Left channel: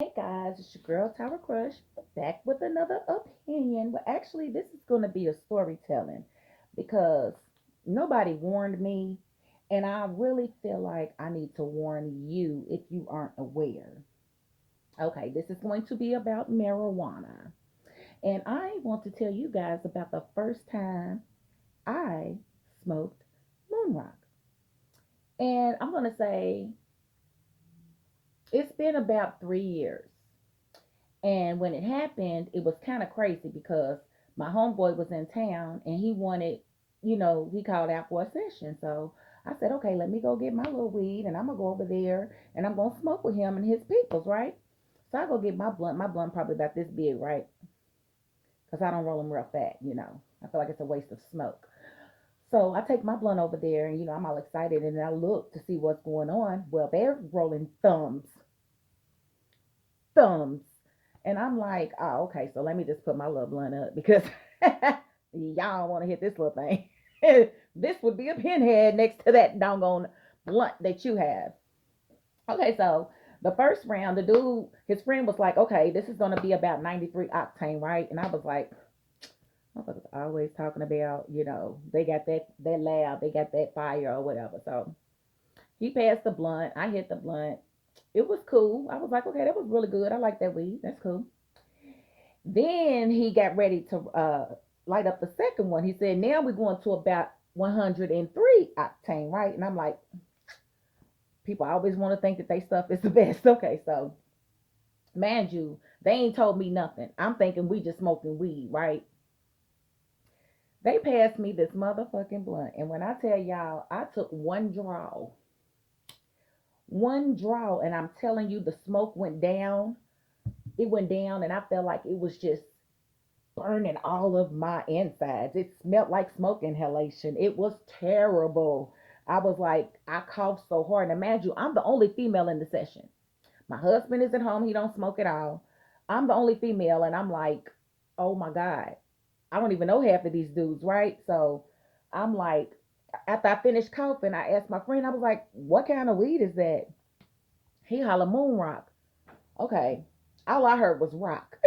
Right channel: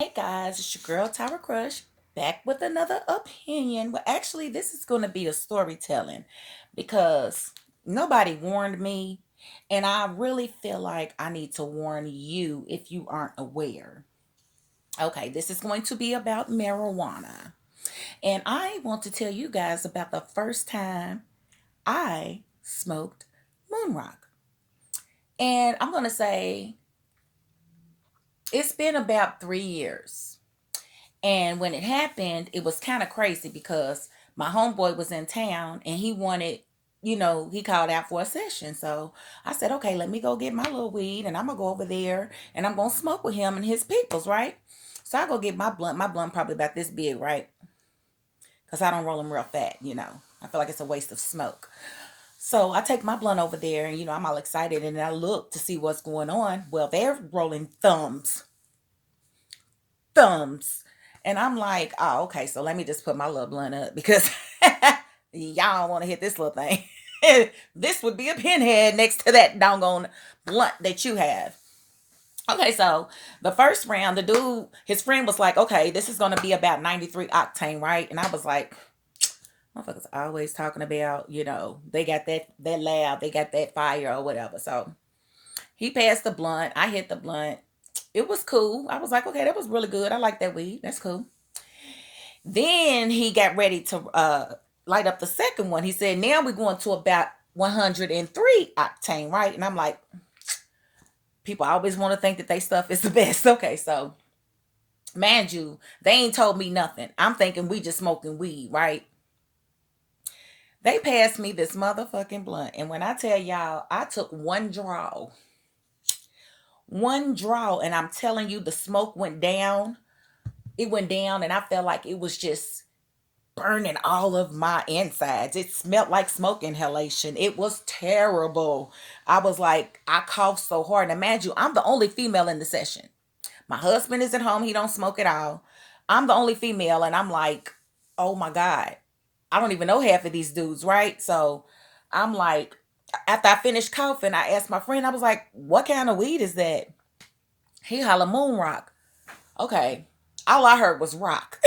Hey guys, it's your girl Tyra Crush back with another opinion. Well, actually, this is going to be a storytelling because nobody warned me, and I really feel like I need to warn you if you aren't aware. Okay, this is going to be about marijuana, and I want to tell you guys about the first time I smoked moon rock. And I'm going to say it's been about 3 years. And when it happened, it was kind of crazy because my homeboy was in town and he wanted, he called out for a session. So I said, okay, let me go get my little weed and I'm going to go over there and I'm going to smoke with him and his peoples, right? So I go get my blunt. My blunt probably about this big, right? Because I don't roll them real fat. I feel like it's a waste of smoke. So I take my blunt over there and, I'm all excited and I look to see what's going on. Well, they're rolling thumbs. And I'm like, oh, okay, so let me just put my little blunt up because y'all don't want to hit this little thing. This would be a pinhead next to that doggone blunt that you have. Okay, so the first round, the dude, his friend was like, okay, this is going to be about 93 octane, right? And I was like, motherfuckers always talking about, they got that loud, they got that fire or whatever. So he passed the blunt. I hit the blunt. It was cool. I was like, okay, that was really good. I like that weed. That's cool. Then he got ready to light up the second one. He said, now we're going to about 103 octane, right? And I'm like, people always want to think that they stuff is the best. Okay, so mind you, they ain't told me nothing. I'm thinking we just smoking weed, right? They passed me this motherfucking blunt. And when I tell y'all, I took one draw, and I'm telling you, the smoke went down. It went down, and I felt like it was just burning all of my insides. It smelled like smoke inhalation. It was terrible. I was like, I coughed so hard. And imagine, I'm the only female in the session. My husband is at home. He don't smoke at all. I'm the only female. And I'm like, oh my God. I don't even know half of these dudes, right? So I'm like, after I finished coughing, I asked my friend, I was like, what kind of weed is that? He holla moon rock. Okay. All I heard was rock.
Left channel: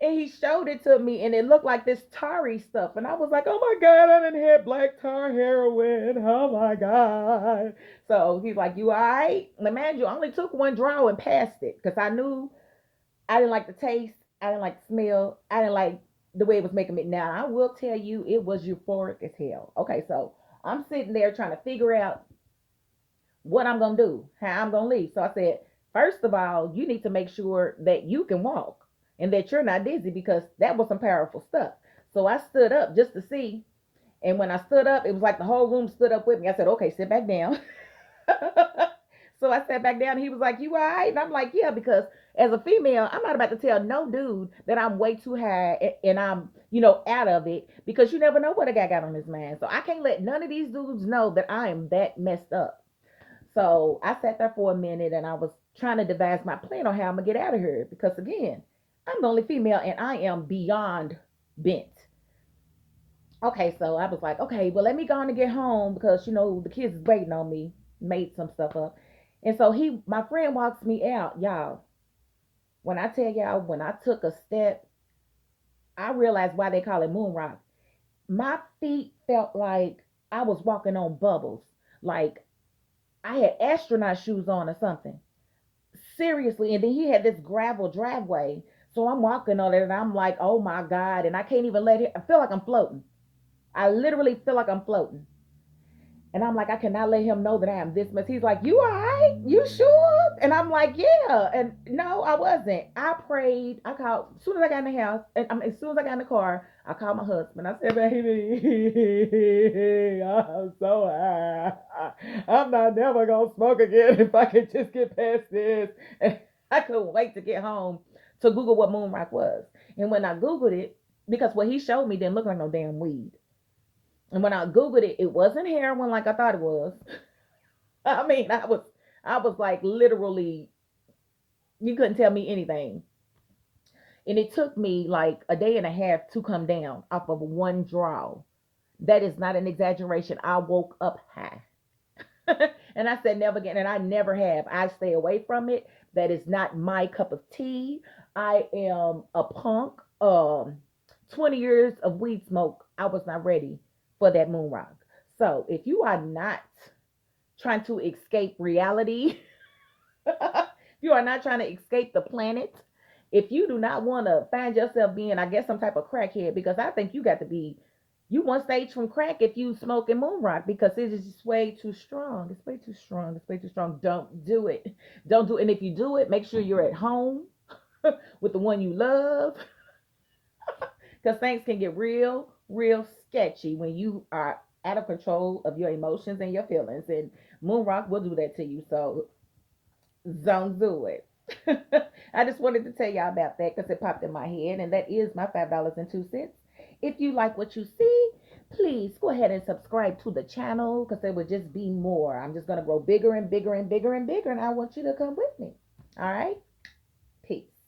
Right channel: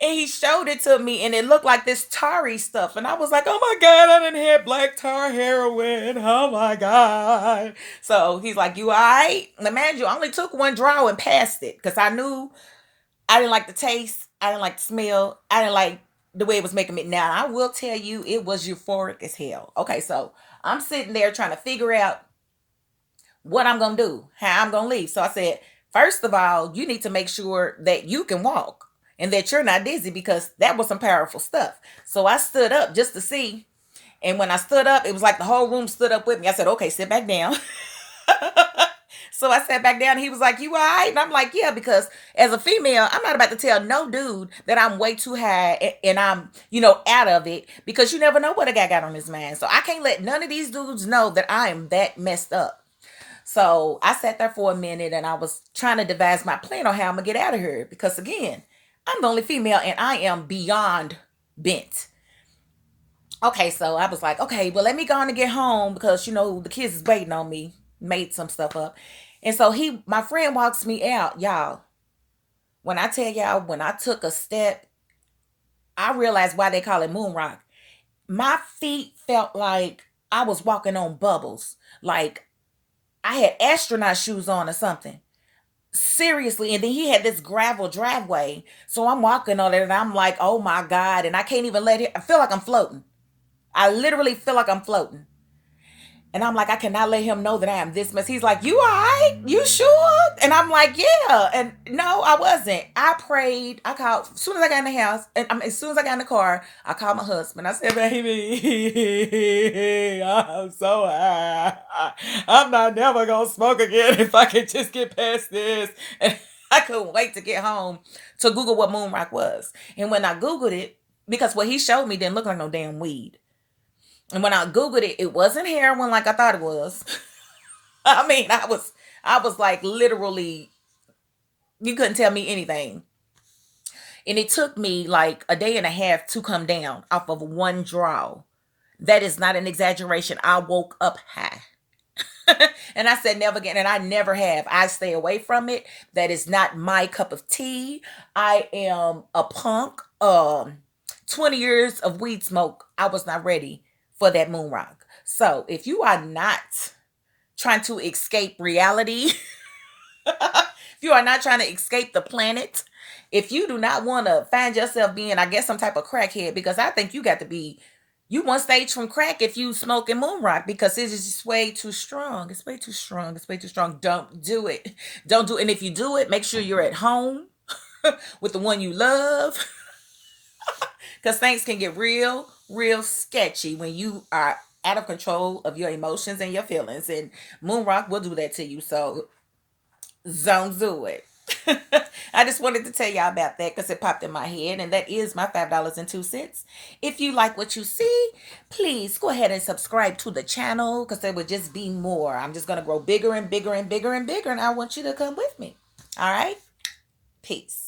And he showed it to me and it looked like this tarry stuff. And I was like, oh my God, I didn't have black tar heroin. Oh my God. So he's like, you all right? Now, man, you only took one draw and passed it because I knew I didn't like the taste. I didn't like the smell. I didn't like the way it was making me. Now, I will tell you, it was euphoric as hell. Okay, so I'm sitting there trying to figure out what I'm going to do, how I'm going to leave. So I said, first of all, you need to make sure that you can walk and that you're not dizzy because that was some powerful stuff. So I stood up just to see. And when I stood up, it was like the whole room stood up with me. I said, okay, sit back down. So I sat back down and he was like, you all right? And I'm like, yeah, because as a female, I'm not about to tell no dude that I'm way too high and I'm, out of it because you never know what a guy got on his mind. So I can't let none of these dudes know that I am that messed up. So I sat there for a minute and I was trying to devise my plan on how I'm gonna get out of here because again, I'm the only female and I am beyond bent. Okay, so I was like, okay, well let me go on and get home because the kids is waiting on me. Made some stuff up. And so my friend walks me out, y'all. When I tell y'all, when I took a step, I realized why they call it moon rock. My feet felt like I was walking on bubbles. Like I had astronaut shoes on or something. Seriously. And then he had this gravel driveway. So I'm walking on it and I'm like, oh my God. And I can't even let it, I feel like I'm floating. I literally feel like I'm floating. And I'm like, I cannot let him know that I am this mess. He's like, you all right? You sure? And I'm like, yeah. And no, I wasn't. I prayed. I called as soon as I got in the house. And as soon as I got in the car, I called my husband. I said, baby, I'm so high. I'm not never gonna smoke again if I can just get past this. And I couldn't wait to get home to Google what moon rock was. And when I Googled it, because what he showed me didn't look like no damn weed. And when I Googled it, it wasn't heroin like I thought it was. I mean, I was like literally, you couldn't tell me anything. And it took me like a day and a half to come down off of one draw. That is not an exaggeration. I woke up high. And I said never again, and I never have. I stay away from it. That is not my cup of tea. I am a punk. 20 years of weed smoke, I was not ready for that moon rock. So if you are not trying to escape reality, if you are not trying to escape the planet, if you do not want to find yourself being, I guess, some type of crackhead, because I think you got to be, you one stage from crack if you smoking moon rock, because it is just way too strong. It's way too strong. It's way too strong. Don't do it. Don't do it. And if you do it, make sure you're at home with the one you love, because things can get real, real sketchy when you are out of control of your emotions and your feelings. And moon rock will do that to you. So don't do it. I just wanted to tell y'all about that because it popped in my head, and that is my $5.02. If you like what you see, please go ahead and subscribe to the channel, because there would just be more. I'm just going to grow bigger and bigger and bigger and bigger, and I want you to come with me. All right? Peace.